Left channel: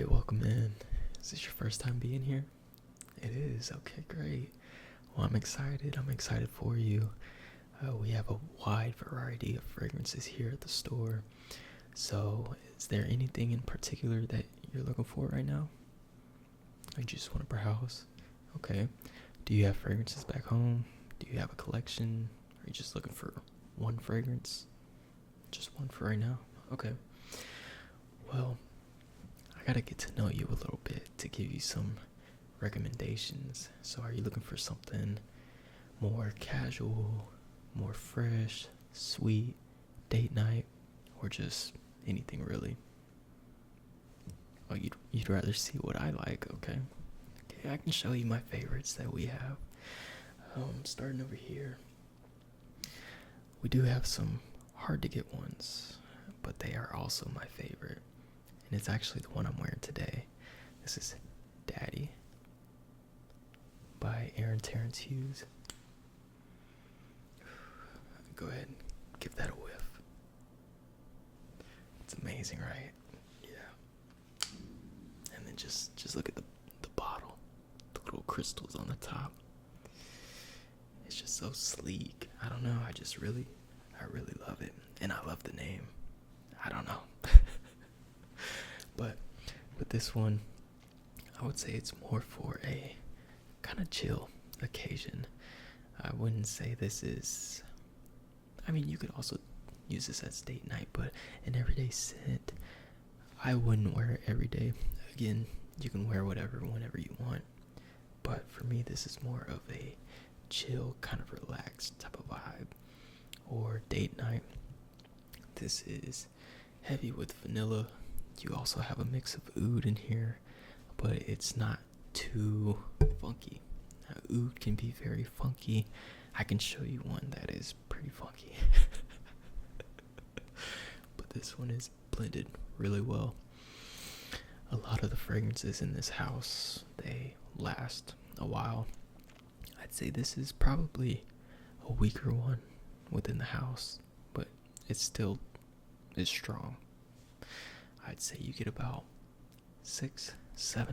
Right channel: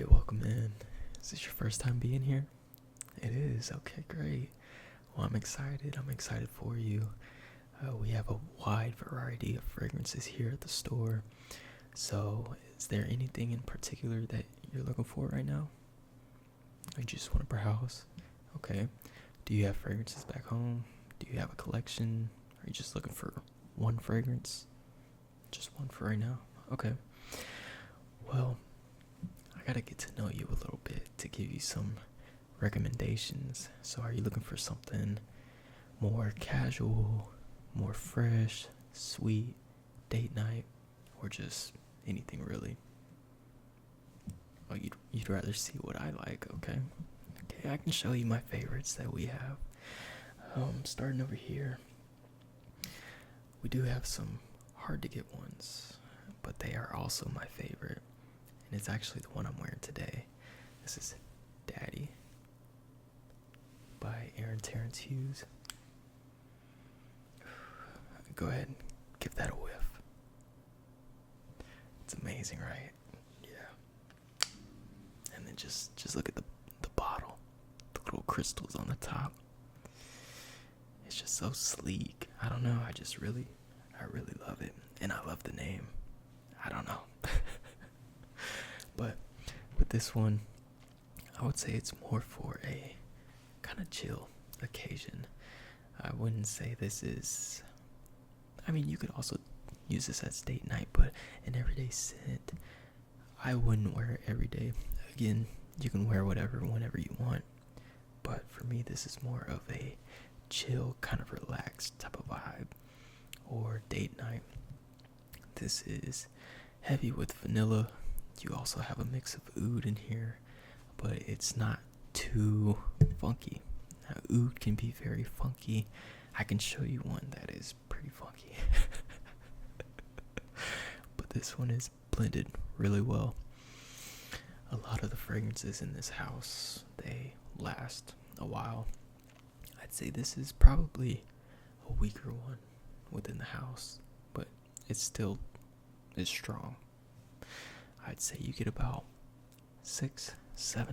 Alright, welcome in. Is this your first time being here? It is. Okay, great. Well, I'm excited. I'm excited for you. We have a wide variety of fragrances here at the store. So, is there anything in particular that you're looking for right now? I just want to browse. Okay. Do you have fragrances back home? Do you have a collection? Are you just looking for one fragrance? Just one for right now? Okay. Well, I gotta get to know you a little bit to give you some recommendations. So are you looking for something more casual, more fresh, sweet, date night, or just anything really? Oh, you'd rather see what I like, okay? Okay, I can show you my favorites that we have. Starting over here, we do have some hard to get ones, but they are also my favorite. And it's actually the one I'm wearing today. This is Daddy by Aaron Terrence Hughes. Go ahead and give that a whiff. It's amazing, right? Yeah. And then just look at the bottle. The little crystals on the top. It's just so sleek. I don't know, I really love it. And I love the name. I don't know. But with this one, I would say it's more for a kind of chill occasion. I wouldn't say this is, you could also use this as date night, but an everyday scent, I wouldn't wear it every day. Again, you can wear whatever, whenever you want. But for me, this is more of a chill, kind of relaxed type of vibe. Or date night. This is heavy with vanilla. You also have a mix of oud in here, but it's not too funky. Now, oud can be very funky. I can show you one that is pretty funky. But this one is blended really well. A lot of the fragrances in this house, they last a while. I'd say this is probably a weaker one within the house, but it still is strong. I'd say you get about 6-7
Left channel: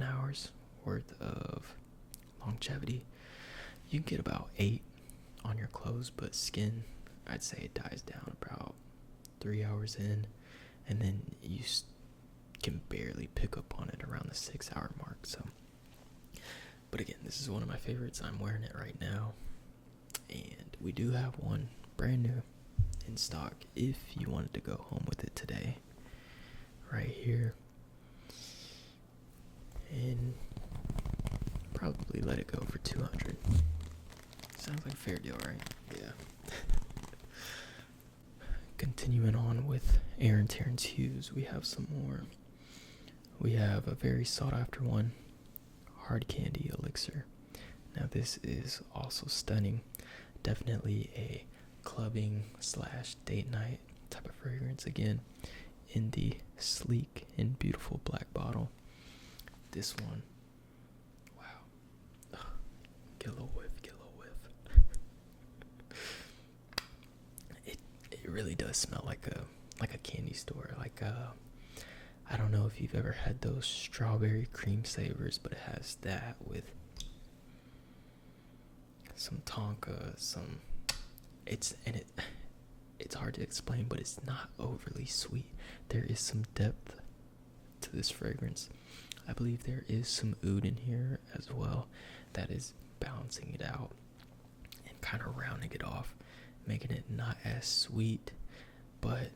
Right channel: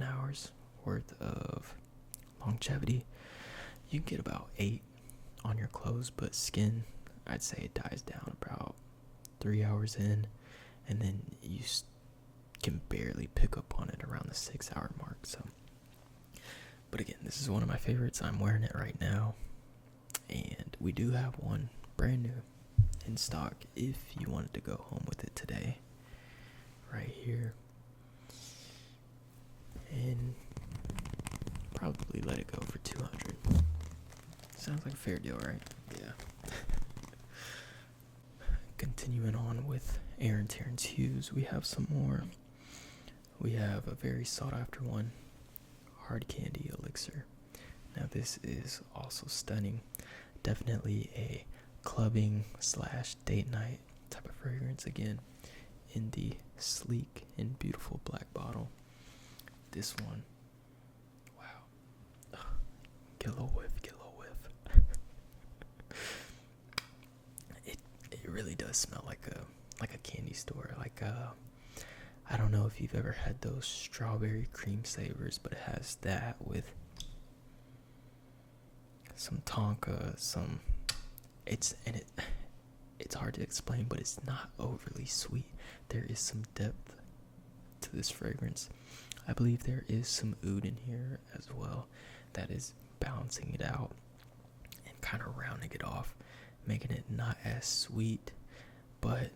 hours worth of longevity. You can get about 8 on your clothes, but skin, I'd say it dies down about 3 hours in, and then you can barely pick up on it around the 6-hour mark. So, but again, this is one of my favorites. I'm wearing it right now, and we do have one brand new in stock if you wanted to go home with it today. Right here. And probably let it go for $200. Sounds like a fair deal, right? Yeah. Continuing on with Aaron Terrence Hughes, we have some more. We have a very sought after one, Hard Candy Elixir. Now this is also stunning. Definitely a clubbing / date night type of fragrance. Again, in the sleek and beautiful black bottle. This one, wow. Get a little whiff. It really does smell like a candy store. I don't know if you've ever had those strawberry cream savers, but it has that with some Tonka, it's hard to explain, but it's not overly sweet. There is some depth to this fragrance. I believe there is some oud in here as well that is balancing it out and kind of rounding it off, making it not as sweet, but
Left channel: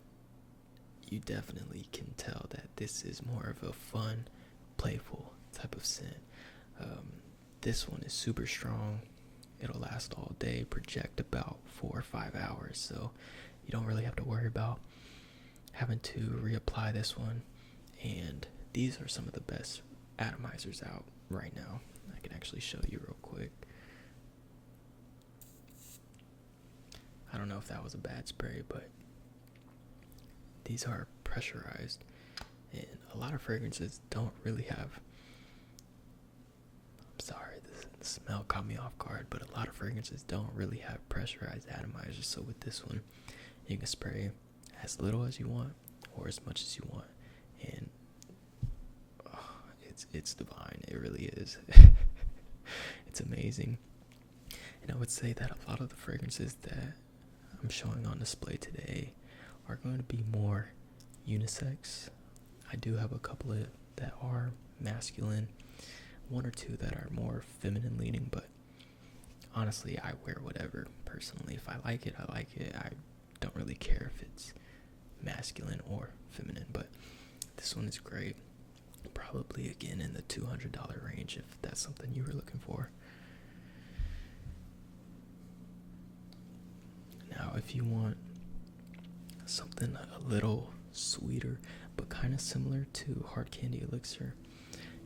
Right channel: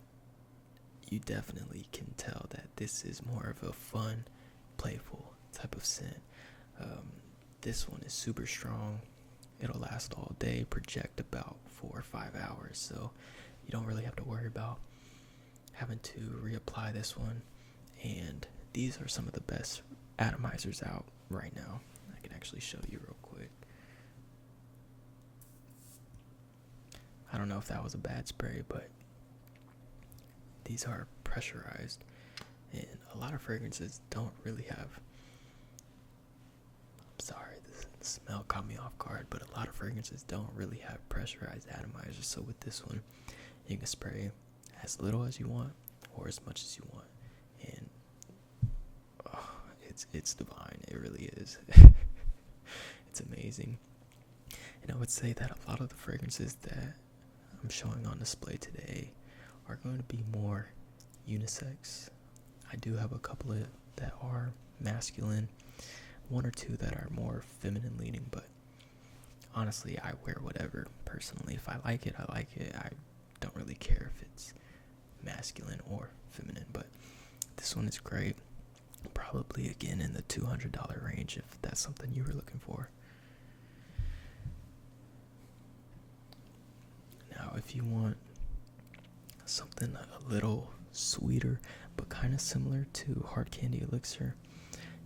you definitely can tell that this is more of a fun, playful type of scent. This one is super strong. It'll last all day, project about 4 or 5 hours, so you don't really have to worry about having to reapply this one. And these are some of the best atomizers out right now. I can actually show you real quick. I don't know if that was a bad spray, but these are pressurized, and a lot of fragrances don't really have, I'm sorry, the smell caught me off guard, but a lot of fragrances don't really have pressurized atomizers. So with this one, you can spray as little as you want or as much as you want, and it's divine. It really is. It's amazing. And I would say that a lot of the fragrances that I'm showing on display today are going to be more unisex. I do have a couple of that are masculine, one or two that are more feminine leaning, but honestly, I wear whatever personally. If I like it, I like it. I don't really care if it's masculine or feminine, but this one is great. Probably again in the $200 range if that's something you were looking for. Now, if you want something a little sweeter but kind of similar to Hard Candy Elixir,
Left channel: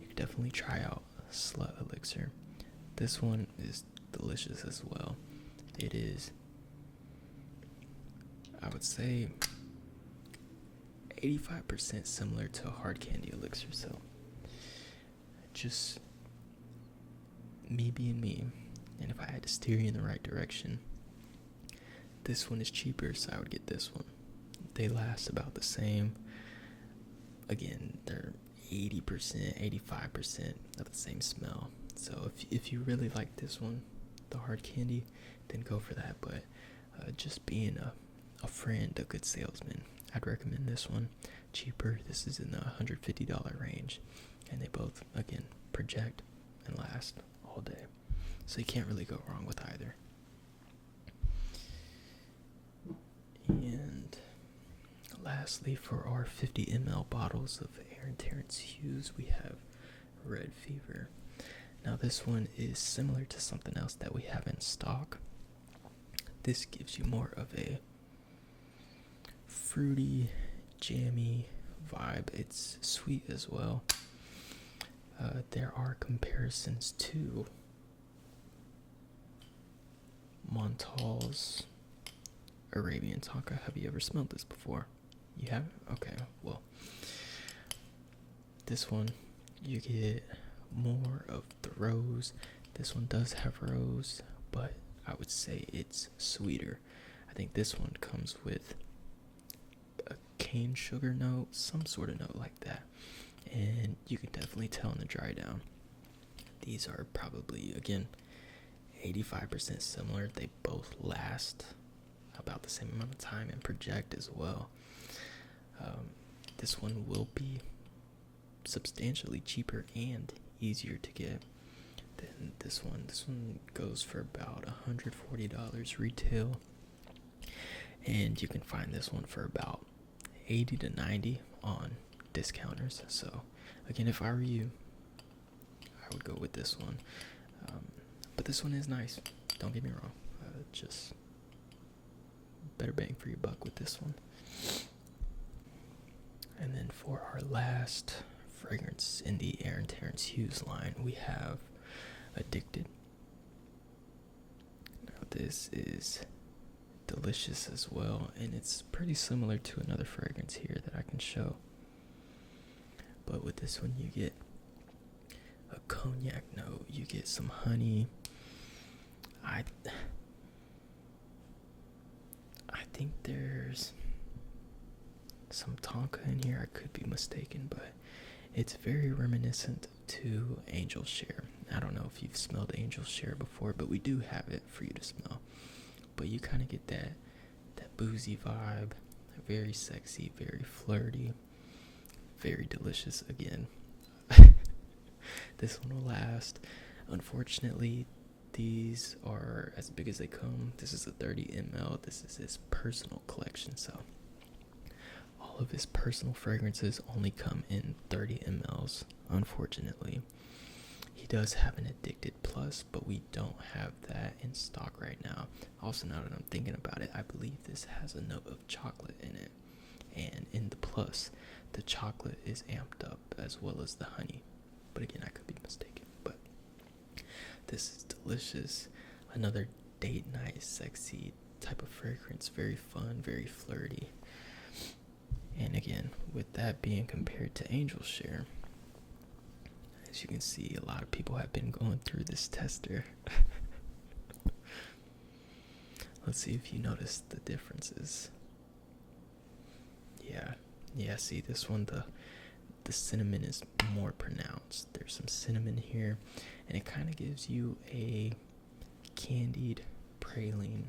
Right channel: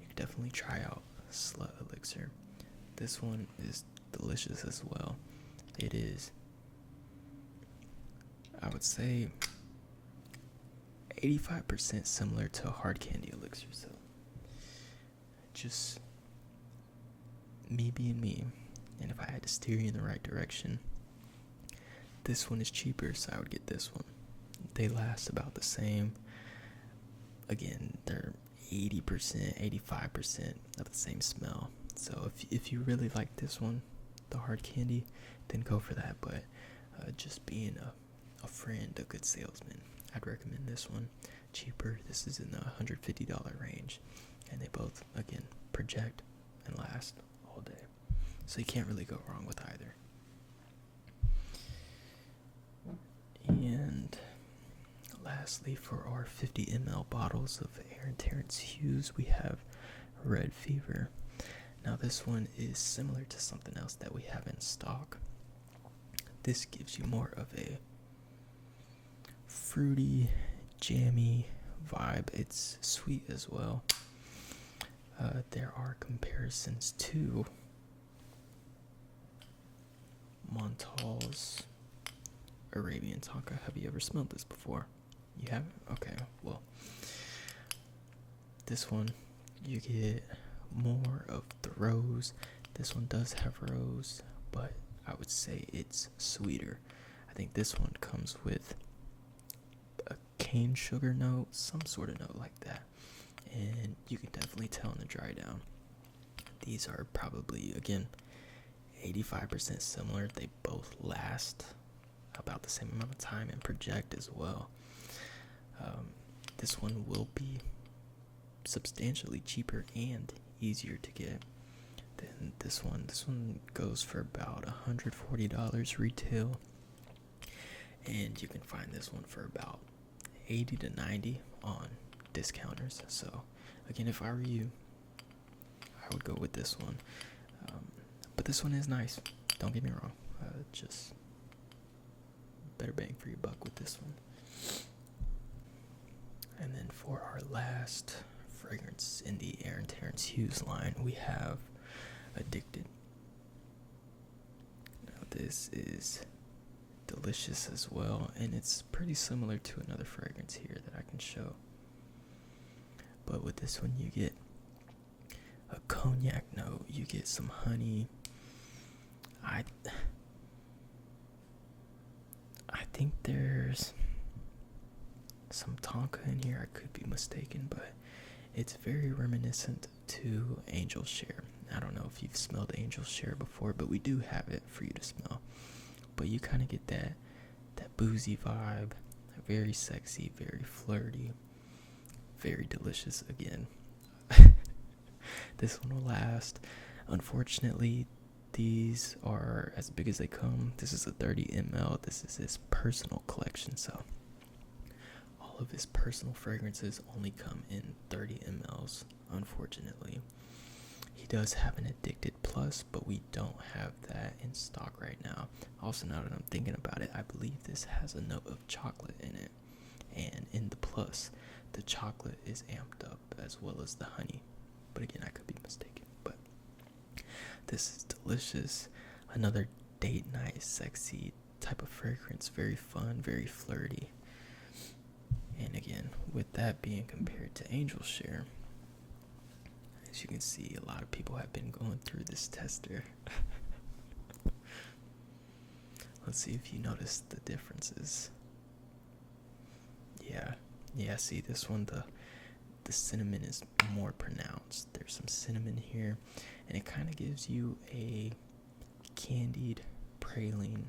you could definitely try out Slut Elixir. This one is delicious as well. It is, I would say, 85% similar to Hard Candy Elixir, so just me being me. And if I had to steer you in the right direction, this one is cheaper, so I would get this one. They last about the same. Again, they're 80%, 85% of the same smell. So if you really like this one, the Hard Candy, then go for that. But just being a friend, a good salesman, I'd recommend this one. Cheaper, this is in the $150 range. And they both, again, project and last all day. So you can't really go wrong with either. And lastly, for our 50 ml bottles of Aaron Terrence Hughes, we have Red Fever. Now this one is similar to something else that we have in stock. This gives you more of a fruity, jammy vibe. It's sweet as well. There are comparisons to Montal's Arabian Tonka. Have you ever smelled this before? You haven't? Okay, well, this one, you get more of the rose. This one does have rose, but I would say it's sweeter. I think this one comes with a cane sugar note, some sort of note like that. And you can definitely tell in the dry down. These are probably, again, 85% similar. They both last about the same amount of time and project as well. This one will be substantially cheaper and easier to get than this one. This one goes for about $140 retail, and you can find this one for about $80 to $90 on discounters. So again, if I were you, I would go with this one. But this one is nice, don't get me wrong. Just better bang for your buck with this one. And then for our last fragrance in the Aaron Terrence Hughes line, we have Addicted. Now this is delicious as well, and it's pretty similar to another fragrance here that I can show. But with this one, you get a cognac note, you get some honey. I think there's some Tonka in here. I could be mistaken, but it's very reminiscent to Angel Share. I don't know if you've smelled Angel Share before, but we do have it for you to smell. But you kind of get that boozy vibe, very sexy, very flirty, very delicious again. This one will last. Unfortunately, these are as big as they come. This is a 30 ml. This is his personal collection, so all of his personal fragrances only come in 30 mls, unfortunately. He does have an Addicted Plus, but we don't have that in stock right now. Also, now that I'm thinking about it, I believe this has a note of chocolate in it. And in the Plus, the chocolate is amped up as well as the honey. But again, I could be mistaken. But this is delicious. Another date night, sexy type of fragrance. Very fun, very flirty. And again, with that being compared to Angel Share, as you can see, a lot of people have been going through this tester. Let's see if you notice the differences. Yeah, see this one, the cinnamon is more pronounced. There's some cinnamon here, and it kind of gives you a candied praline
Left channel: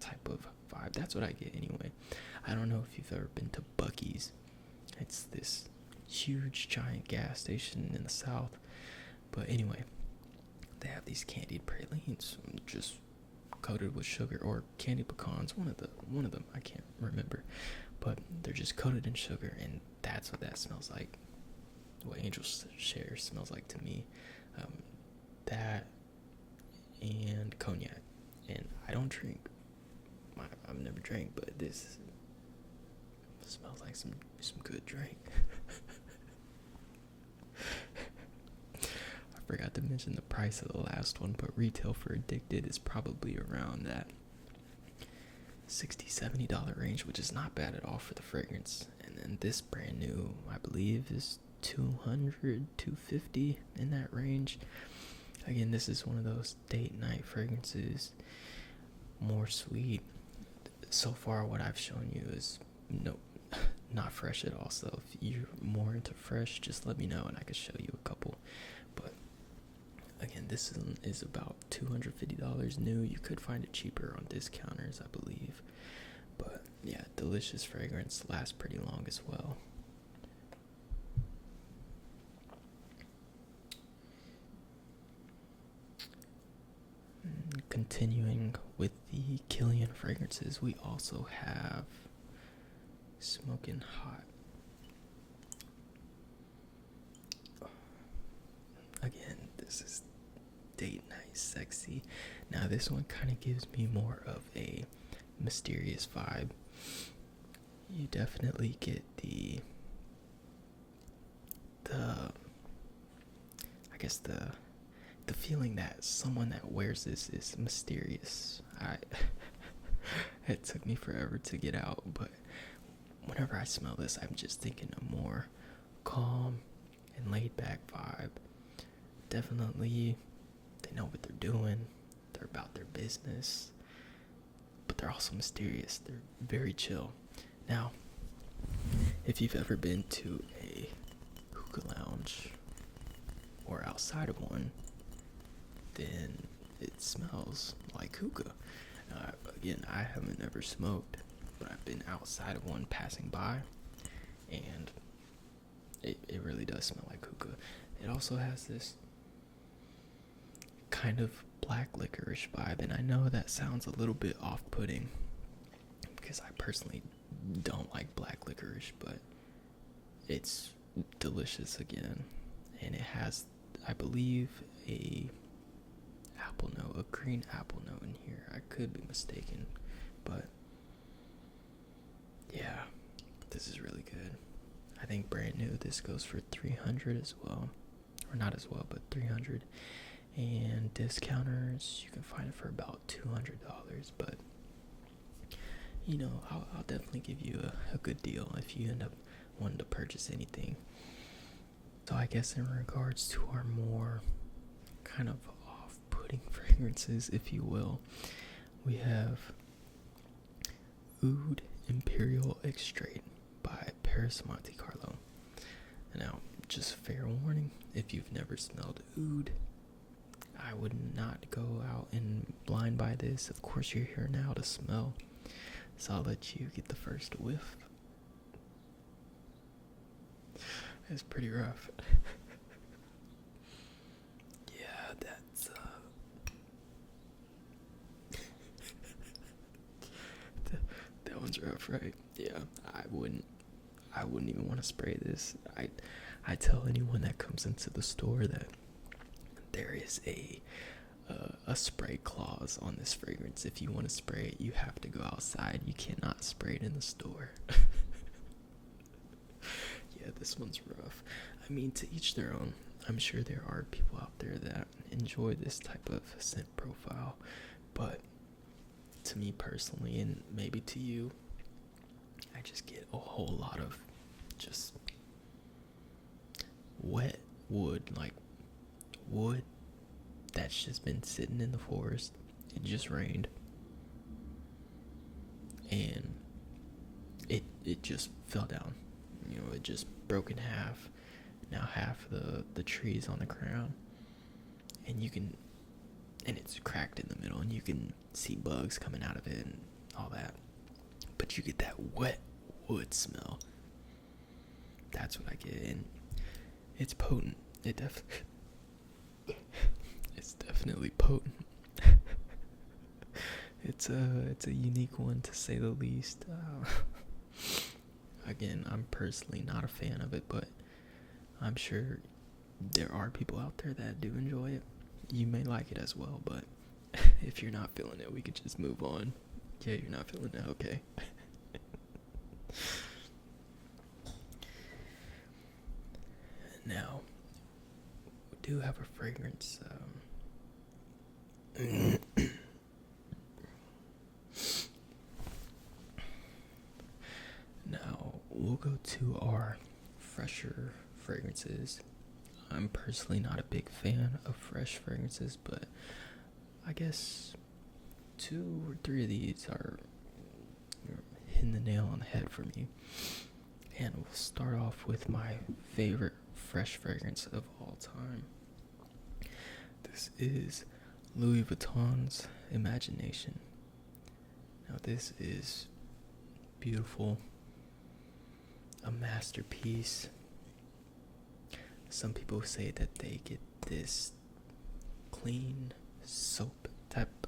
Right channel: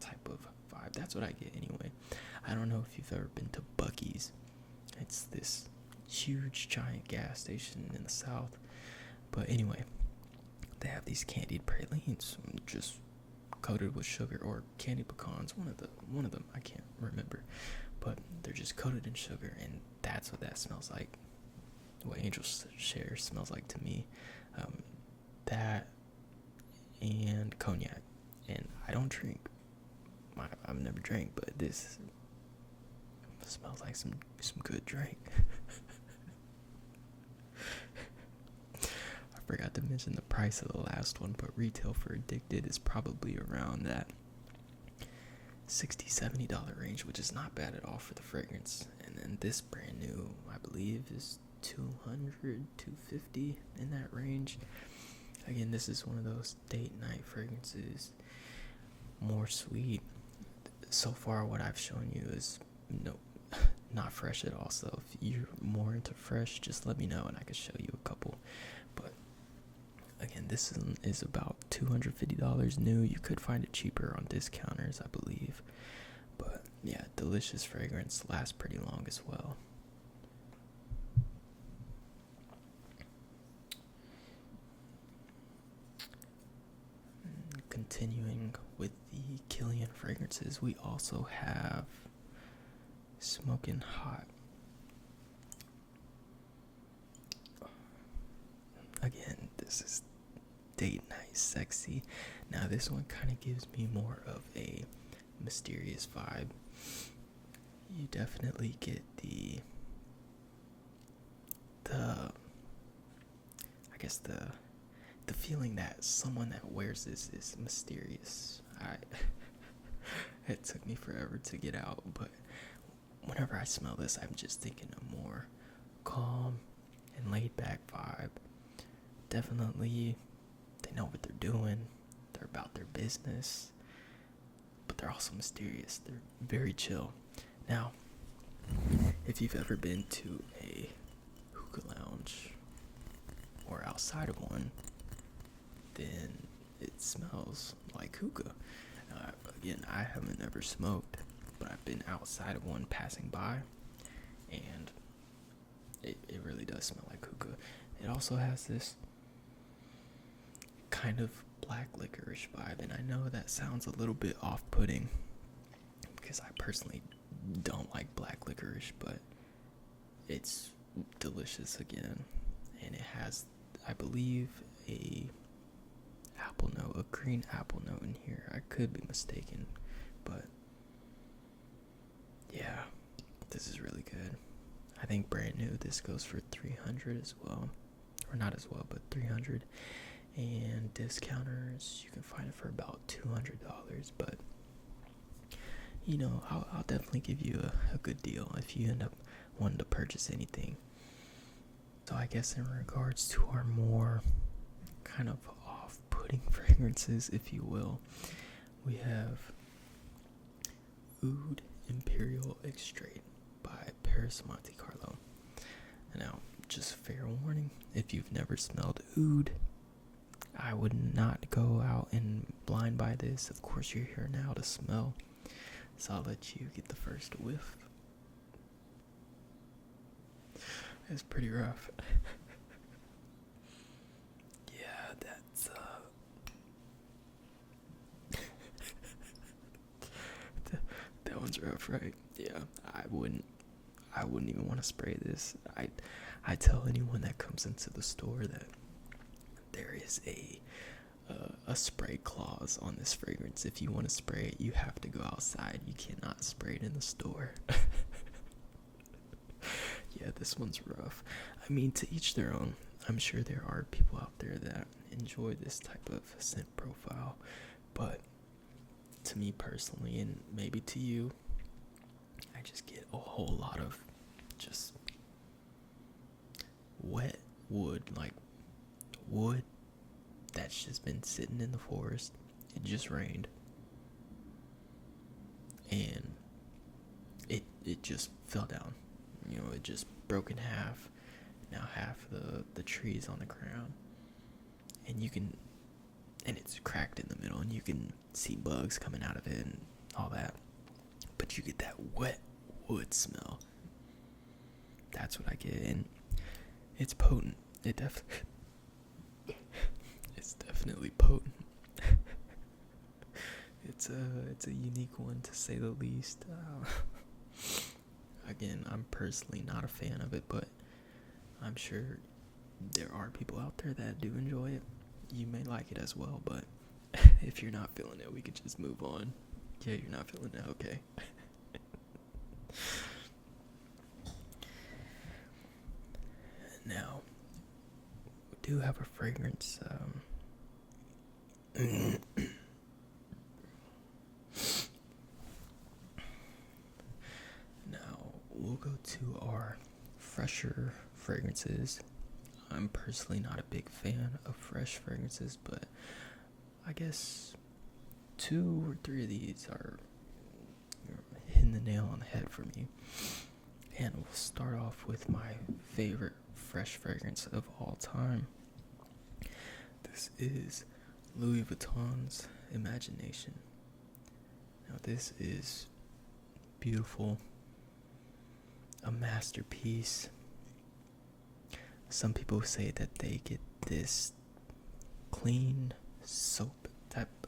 type of vibe. That's what I get anyway. I don't know if you've ever been to Buc-ee's. It's this huge giant gas station in the South. But anyway, they have these candied pralines just coated with sugar, or candied pecans, one of them, I can't remember. But they're just coated in sugar, and that's what that smells like. What Angel Share smells like to me. That and cognac. And I don't drink. I've never drank, but this smells like some good drink. I forgot to mention the price of the last one, but retail for Addicted is probably around that $60-$70 range, which is not bad at all for the fragrance. And then this brand new, I believe, is $200-$250 in that range. Again, this is one of those date night fragrances, more sweet. So far, what I've shown you is not fresh at all. So if you're more into fresh, just let me know and I can show you a couple. But again, this is about $250 new. You could find it cheaper on discounters, I believe. But yeah, delicious fragrance, lasts pretty long as well. Continuing with the Killian fragrances, we also have Smokin' Hot. Again, this is date night sexy. Now this one kind of gives me more of a mysterious vibe. You definitely get the feeling that someone that wears this is mysterious. It took me forever to get out, but whenever I smell this, I'm just thinking a more calm and laid back vibe. Definitely, they know what they're doing. They're about their business, but they're also mysterious. They're very chill. Now, if you've ever been to a hookah lounge or outside of one, then it smells like hookah. Again, I haven't ever smoked, but I've been outside of one passing by, and it really does smell like hookah. It also has this kind of black licorice vibe, and I know that sounds a little bit off-putting because I personally don't like black licorice, but it's delicious again, and it has, I believe, a green apple note in here. I could be mistaken, but yeah, this is really good. I think brand new this goes for $300 as well, or not as well, but $300. And discounters, you can find it for about $200, but you know, I'll definitely give you a good deal if you end up wanting to purchase anything. So I guess in regards to our more kind of off-putting fragrances, if you will, we have Oud Imperial Extrate by Paris Monte Carlo. Now, just fair warning, if you've never smelled oud, I would not go out and blind buy this. Of course, you're here now to smell, so I'll let you get the first whiff. It's pretty rough. Yeah, that's that one's rough, right? Yeah, I wouldn't even want to spray this. I tell anyone that comes into the store that there is a spray clause on this fragrance. If you want to spray it, you have to go outside. You cannot spray it in the store. Yeah, this one's rough. I mean, to each their own. I'm sure there are people out there that enjoy this type of scent profile, but to me personally, and maybe to you, I just get a whole lot of just wet wood, like wood that's just been sitting in the forest. It just rained, and it just fell down. You know, it just broke in half, Now half the tree's on the ground, and it's cracked in the middle, and you can see bugs coming out of it and all that. But you get that wet wood smell. That's what I get, and it's potent. It's definitely potent. It's a unique one, to say the least. Again, I'm personally not a fan of it, but I'm sure there are people out there that do enjoy it. You may like it as well, but if you're not feeling it, we could just move on. Yeah, you're not feeling it, okay. Now, we do have a fragrance. Now, we'll go to our fresher fragrances. I'm personally not a big fan of fresh fragrances, but I guess 2 or 3 of these are hitting the nail on the head for me. And we'll start off with my favorite fresh fragrance of all time. This is Louis Vuitton's Imagination. Now, this is beautiful, a masterpiece. Some people say that they get this clean soap type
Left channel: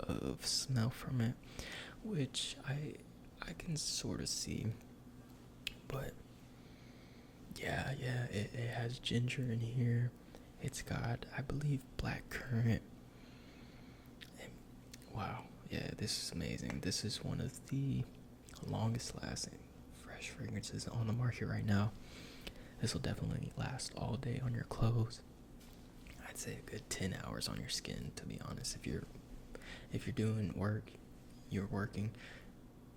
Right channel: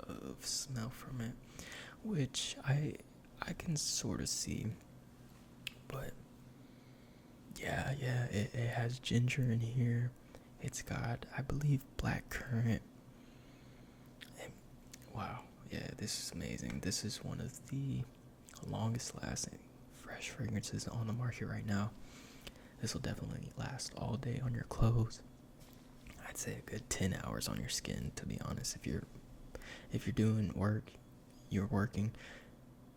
of smell from it, which I can sort of see. But yeah, it has ginger in here. It's got, I believe, black currant. And wow, yeah, this is amazing. This is one of the longest lasting fresh fragrances on the market right now. This will definitely last all day on your clothes. I'd say a good 10 hours on your skin, to be honest. If you're doing work, you're working,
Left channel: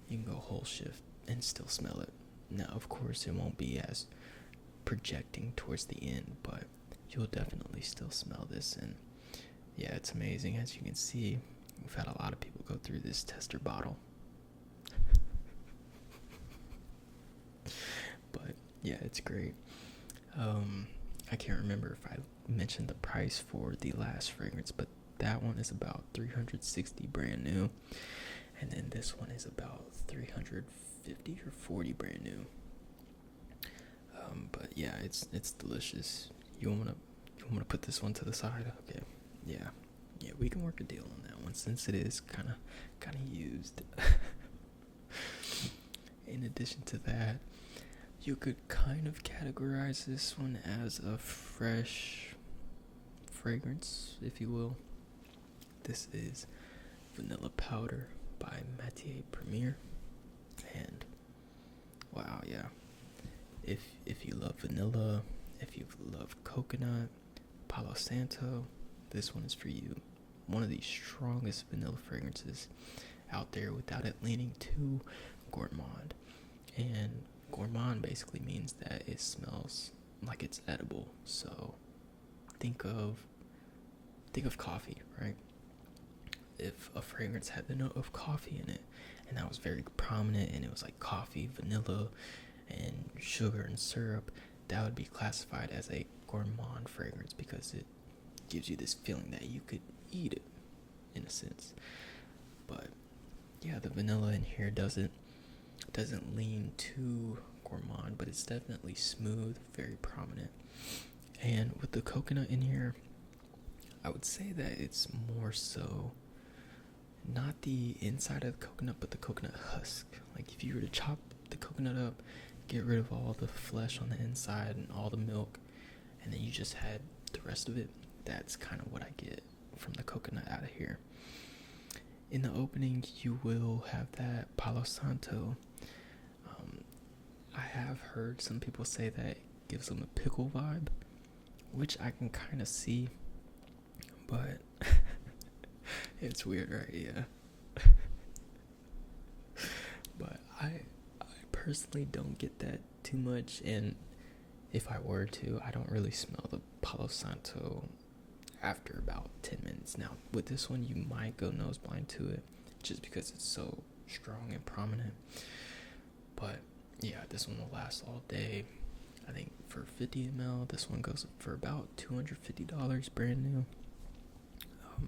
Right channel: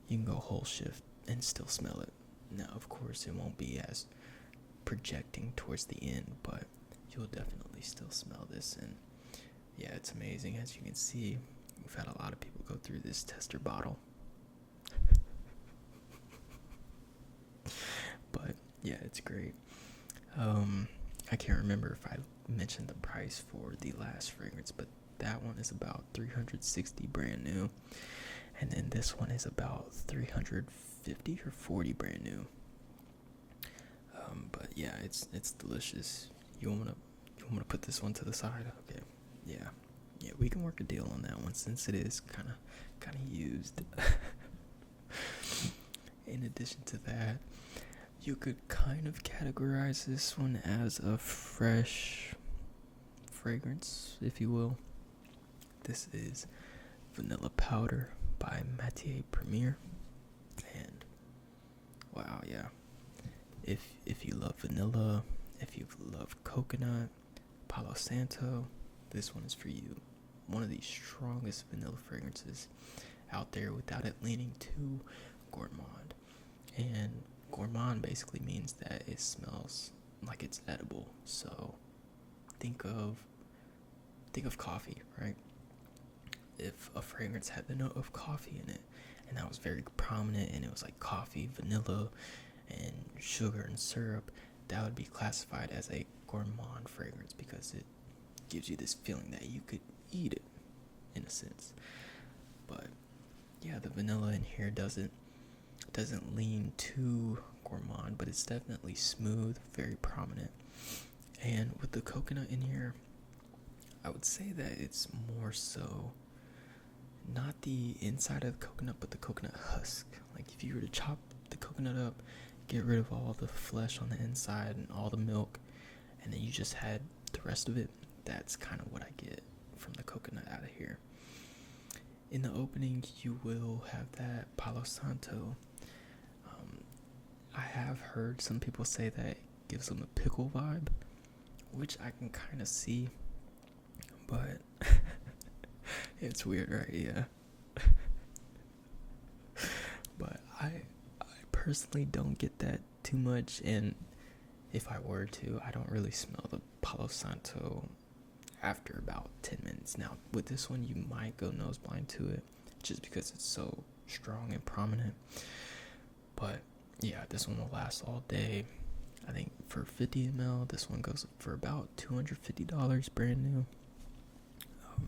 you can go whole shift and still smell it. Now, of course, it won't be as projecting towards the end, but you'll definitely still smell this. And yeah, it's amazing. As you can see, we've had a lot of people go through this tester bottle. But yeah, it's great. I can't remember if I mentioned the price for the last fragrance, but that one is about $360 brand new, and then this one is about $350 or $40 brand new. But yeah, it's delicious. You want to put this one to the side? Okay. Yeah, we can work a deal on that one, since it is kind of used. In addition to that, you could kind of categorize this one as a fresh fragrance, if you will. This is Vanilla Powder by Mattier Premiere. And wow, yeah. If you love vanilla, if you love coconut, Palo Santo, this one is for you. One of the strongest vanilla fragrances out there without it leaning too gourmand. And gourmand basically means that it smells like it's edible. So think of coffee, right? If a fragrance had the note of coffee in it, and that was very prominent, and it was like coffee, vanilla, and sugar and syrup, that would be classified as a gourmand fragrance, because it gives you this feeling that you could eat it, in a sense. But yeah, the vanilla in here doesn't lean too gourmand, but it's definitely smooth, very prominent. And with the coconut in here, I would say that it's more so not the inside of the coconut, but the coconut husk. Like if you were to chop the coconut up, get rid of all the flesh on the inside and all the milk, and then you just had the rest of it, that's kind of what I get from the coconut out of here. In the opening, you will have that Palo Santo. I have heard some people say that it gives them a pickle vibe, which I can kind of see, but it's weird, right? Yeah. But I personally don't get that too much, and if I were to, I don't really smell the Palo Santo after about 10 minutes. Now, with this one, you might go nose blind to it, just because it's so strong and prominent. But yeah, this one will last all day. I think for 50 ml. This one goes for about $250 brand new.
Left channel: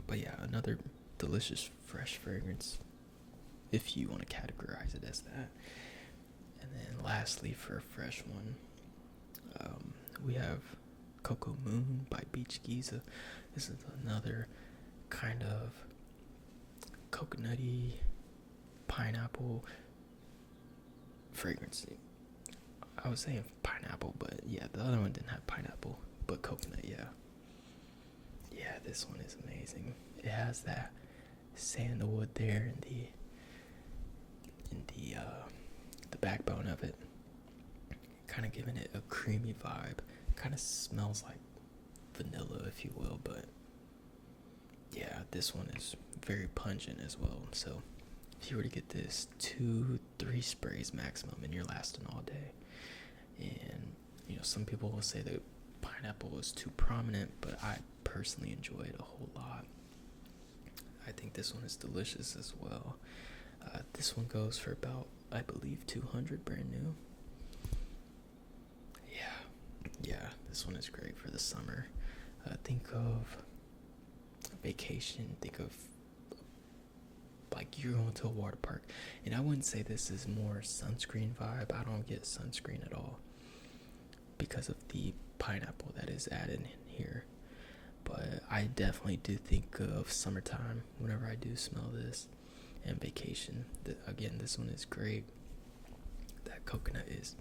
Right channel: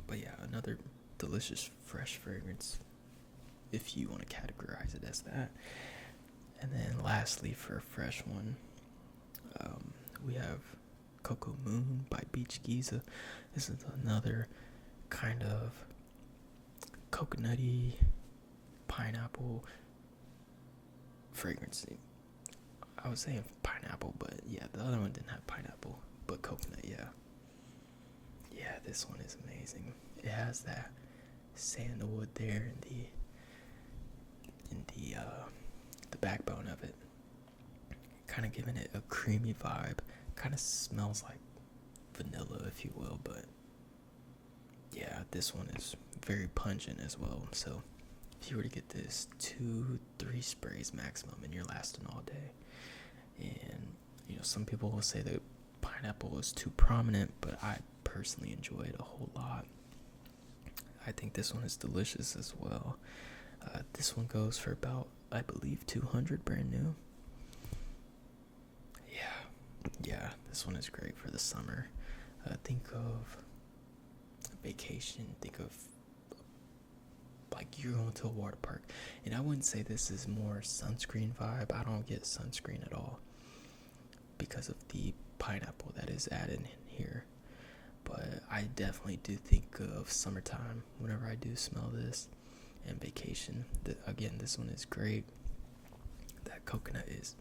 But yeah, another delicious fresh fragrance, if you want to categorize it as that. And then lastly, for a fresh one, we have Cocoa Moon by Beach Giza. This is another kind of coconutty pineapple fragrance. I was saying pineapple, but yeah, the other one didn't have pineapple, but coconut, yeah. Yeah, this one is amazing. It has that sandalwood there in the backbone of it, kind of giving it a creamy vibe. Kind of smells like vanilla, if you will, but yeah, this one is very pungent as well. So if you were to get this 2-3 sprays maximum, and you're lasting all day. And some people will say that pineapple is too prominent, but I personally enjoy it a whole lot. I think this one is delicious as well. This one goes for about, I believe, $200 brand new. Yeah, this one is great for the summer. Think of vacation. Think of like you're going to a water park. And I wouldn't say this is more sunscreen vibe. I don't get sunscreen at all because of the pineapple that is added in here. But I definitely do think of summertime whenever I do smell this, and vacation. Again, this one is great. That coconut is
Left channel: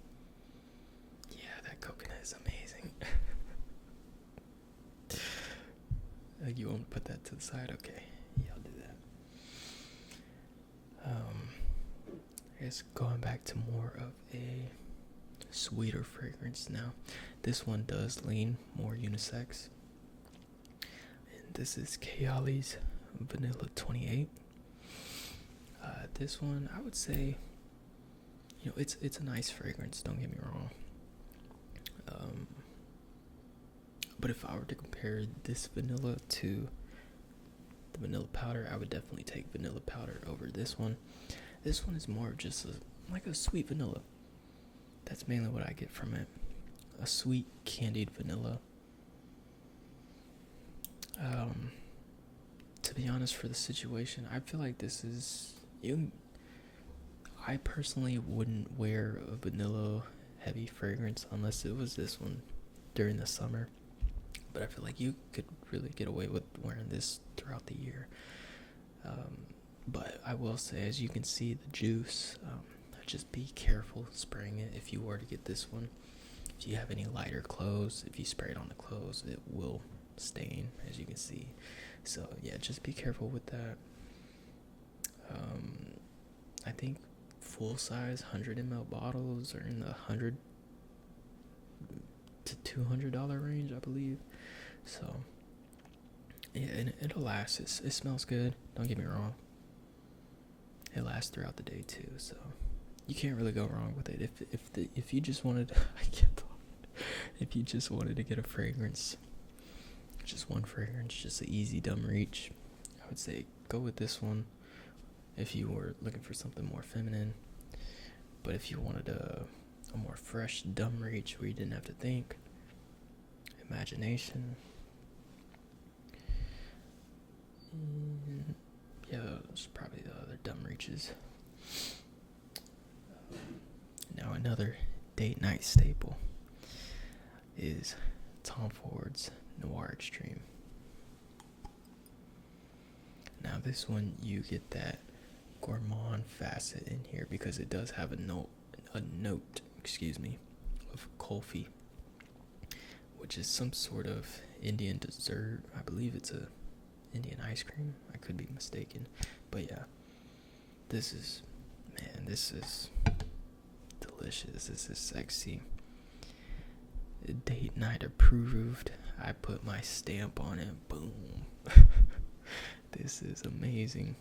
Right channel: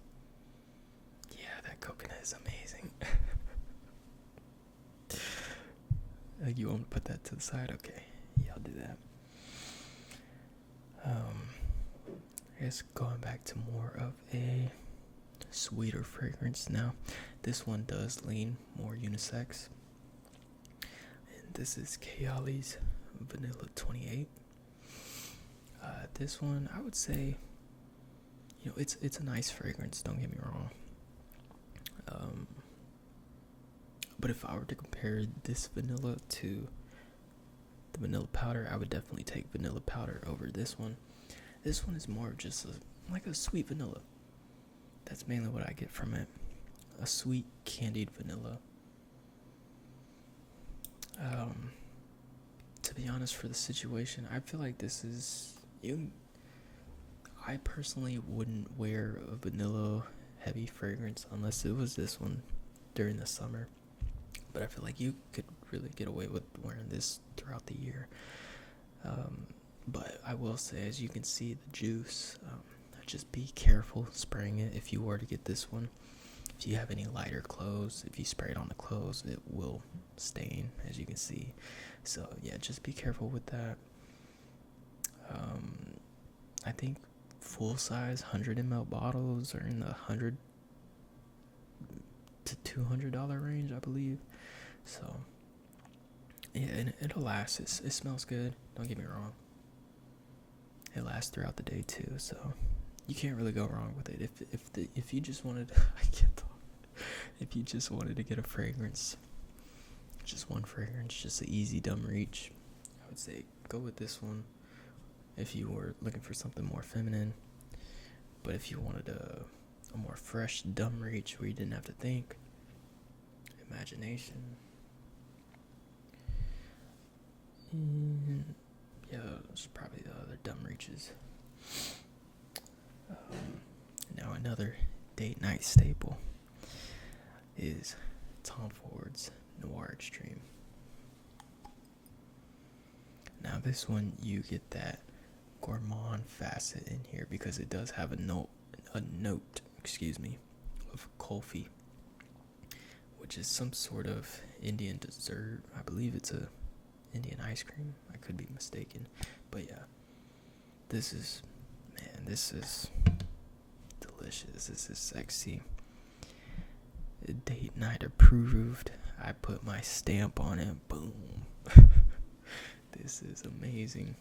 amazing. You want to put that to the side? Okay, yeah, I'll do that. I guess going back to more of a sweeter fragrance now. This one does lean more unisex. And this is Kayali's Vanilla 28. This one, I would say, it's a nice fragrance, don't get me wrong. But if I were to compare this vanilla to the vanilla powder, I would definitely take vanilla powder over this one. This one is more of just like a sweet vanilla. That's mainly what I get from it. A sweet candied vanilla. To be honest, for the situation, I feel like this is I personally wouldn't wear a vanilla heavy fragrance unless it was this one during the summer. But I feel like you could really get away with wearing this throughout the year. But I will say, as you can see, the juice, just be careful spraying it if you were to get this one. If you have any lighter clothes, if you spray it on the clothes, it will stain, as you can see. So yeah, just be careful with that. I think full size 100 ml bottles are in the $100 to $200 range, I believe. So yeah, and it'll last. It smells good, don't get me wrong. It lasts throughout the day too, so you can't really go wrong with it. If you just wanted if you just wanted to get a fragrance, just one fragrance, just an easy dumb reach, I would say go with this one if you were looking for something more feminine. But if you wanted a more fresh dumb reach where you didn't have to think, imagination, yeah, those are probably the other dumb reaches. Now another date night staple is Tom Ford's Noir Extreme. Now this one, you get that gourmand facet in here because it does have a note, of kulfi, which is some sort of Indian dessert. I believe it's a Indian ice cream. I could be mistaken, but yeah, this is delicious. This is sexy. Date night approved. I put my stamp on it. Boom. This is amazing.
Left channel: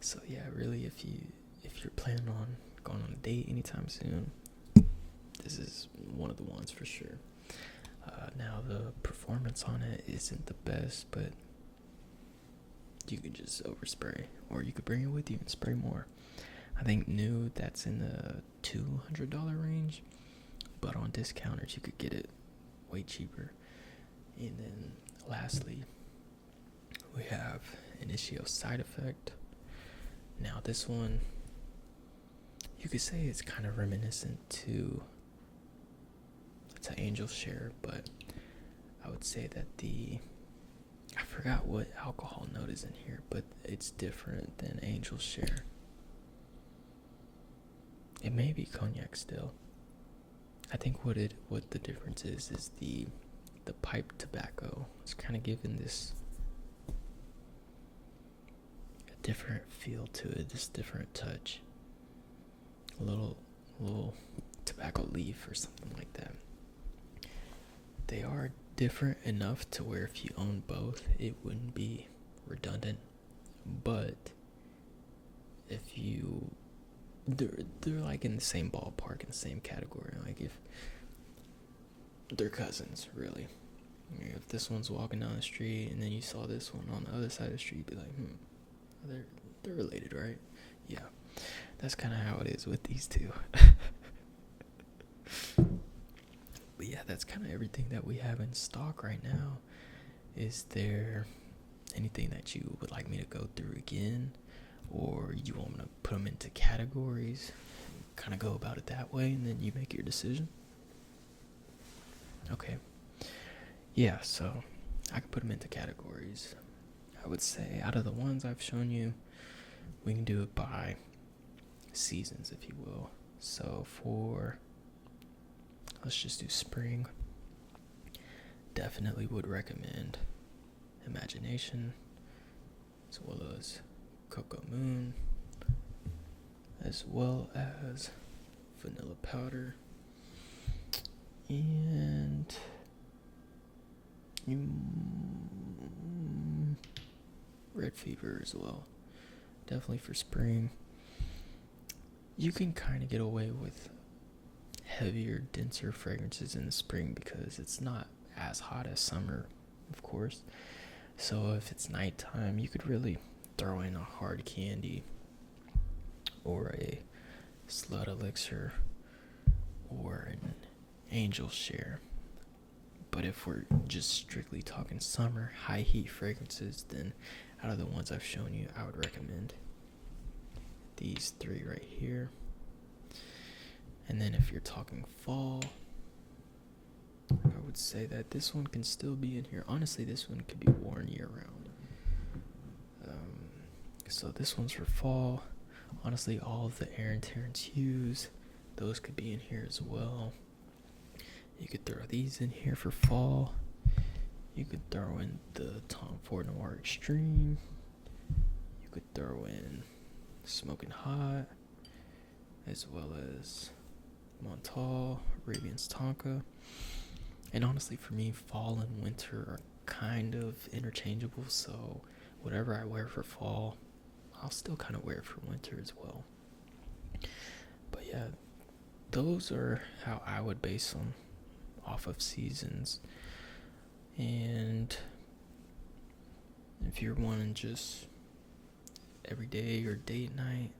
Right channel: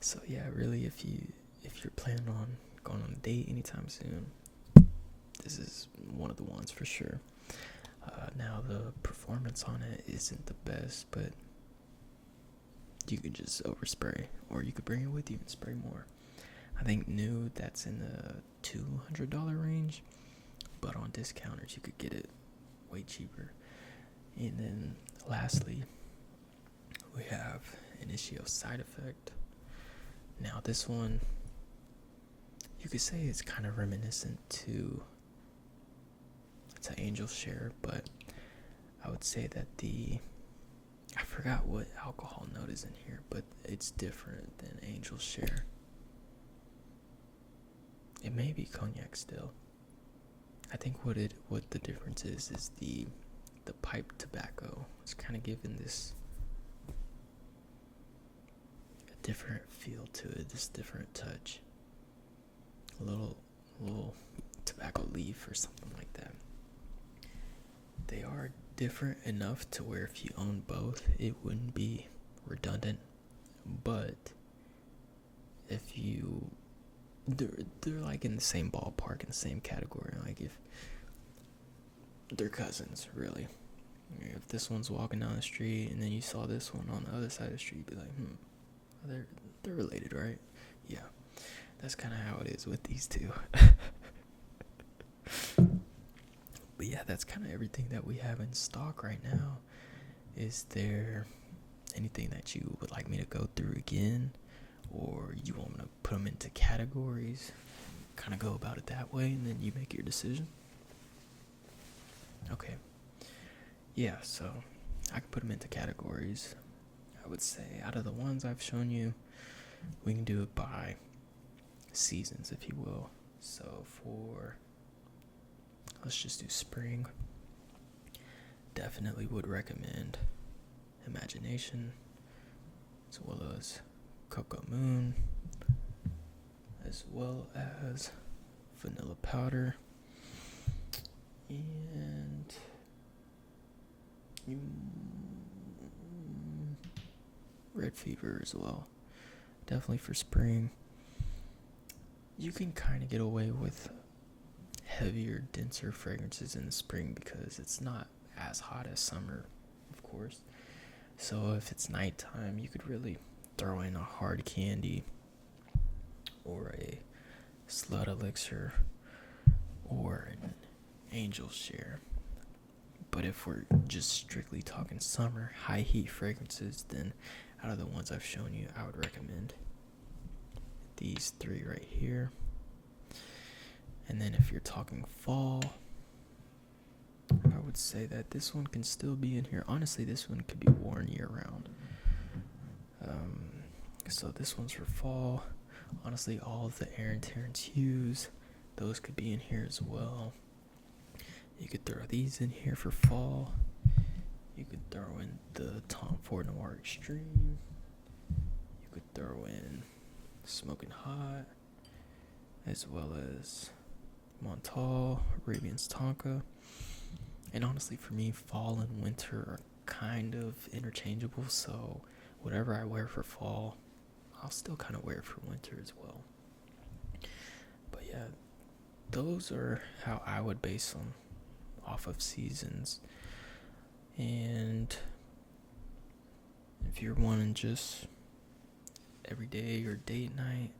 So yeah, really, if you're planning on going on a date anytime soon, this is one of the ones for sure. Now the performance on it isn't the best, but you could just overspray, or you could bring it with you and spray more. I think new, that's in the $200 range, but on discounters you could get it way cheaper. And then lastly, we have Initio Side Effect. Now this one, you could say it's kind of reminiscent to Angel Share, but I would say that I forgot what alcohol note is in here, but it's different than Angel Share. It may be cognac still. I think what the difference is the pipe tobacco. It's kind of giving this a different feel to it, this different touch. A little tobacco leaf or something like that. They are different enough to where if you own both, it wouldn't be redundant. But if they're like in the same ballpark, in the same category. Like if they're cousins, really. If this one's walking down the street and then you saw this one on the other side of the street, you'd be like, they're related, right? Yeah, that's kind of how it is with these two. But yeah, that's kind of everything that we have in stock right now. Is there anything that you would like me to go through again? Or you want me to put them into categories? Kind of go about it that way, and then you make your decision? Okay. Yeah, so I can put them into categories. I would say out of the ones I've shown you, we can do it by seasons, if you will. So let's just do spring. Definitely would recommend Imagination, as well as Cocoa Moon, as well as Vanilla Powder, and Red Fever as well. Definitely for spring. You can kind of get away with heavier, denser fragrances in the spring because it's not as hot as summer, of course. So if it's nighttime, you could really throw in a hard candy or a slut elixir or an angel share. But if we're just strictly talking summer, high heat fragrances, then out of the ones I've shown you, I would recommend these three right here. And then if you're talking fall, I would say that this one can still be in here. Honestly, this one could be worn year round. So this one's for fall. Honestly, all of the Aaron Terrence hues, those could be in here as well. You could throw these in here for fall. You could throw in the Tom Ford Noir Extreme. You could throw in Smoking Hot, as well as Montal, Arabian Tonka. And honestly, for me, fall and winter are kind of interchangeable, so whatever I wear for fall, I'll still kind of wear it for winter as well. But yeah, those are how I would base them off of seasons. And if you're wanting just everyday or date night,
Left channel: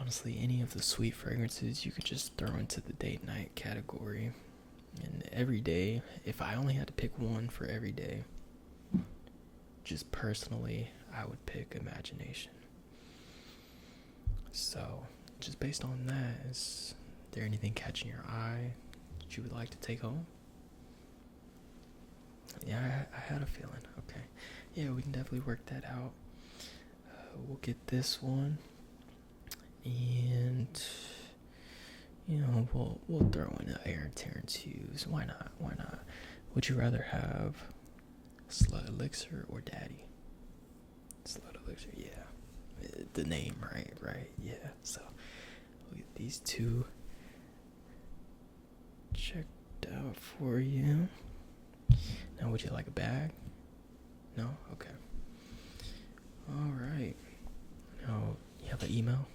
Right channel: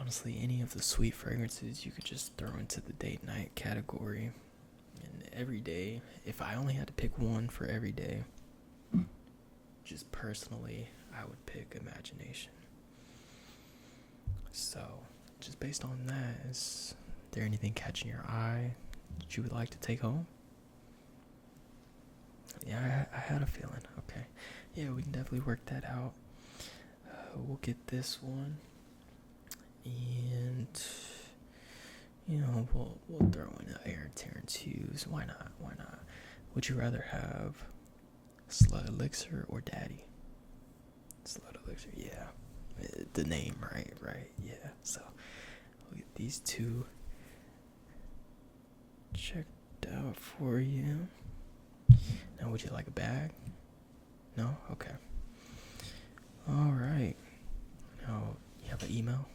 honestly, any of the sweet fragrances you could just throw into the date night category. And every day, if I only had to pick one for every day, just personally, I would pick Imagination. So, just based on that, is there anything catching your eye that you would like to take home? Yeah, I had a feeling. Okay. Yeah, we can definitely work that out. We'll get this one. And, you know, we'll throw in the Aaron Terrence hues. Why not? Would you rather have Slut Elixir or Daddy? Slut Elixir, yeah. The name, right, yeah. So, we'll get these two checked out for you. Now, would you like a bag? No? Okay. Alright. Now, you have an email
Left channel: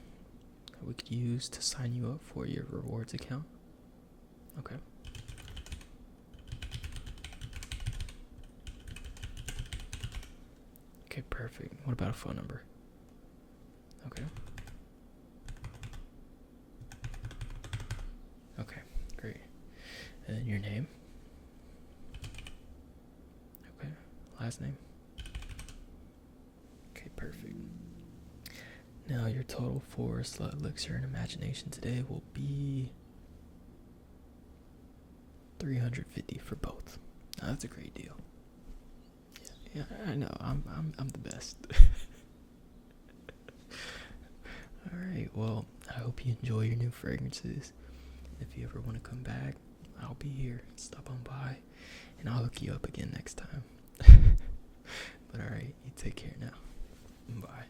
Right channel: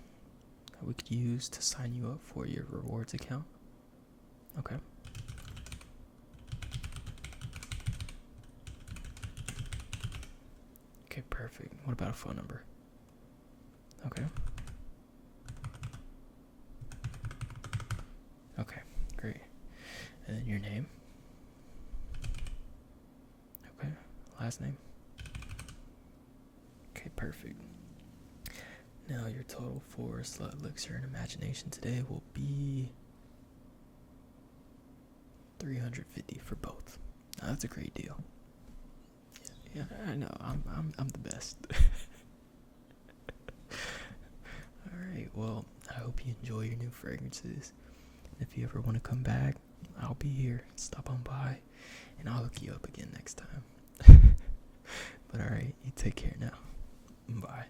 that we could use to sign you up for your rewards account? Okay. Okay, perfect. What about a phone number? Okay. Okay. And then your name. Okay. Last name. Okay, perfect. Now your total for Slut Elixir and Imagination today will be $350 for both. Now, that's a great deal. Yeah, I know. I'm the best. All right. Well, I hope you enjoy your new fragrances. If you ever want to come back, I'll be here. Stop on by, and I'll hook you up again next time. But all right, you take care now. Bye.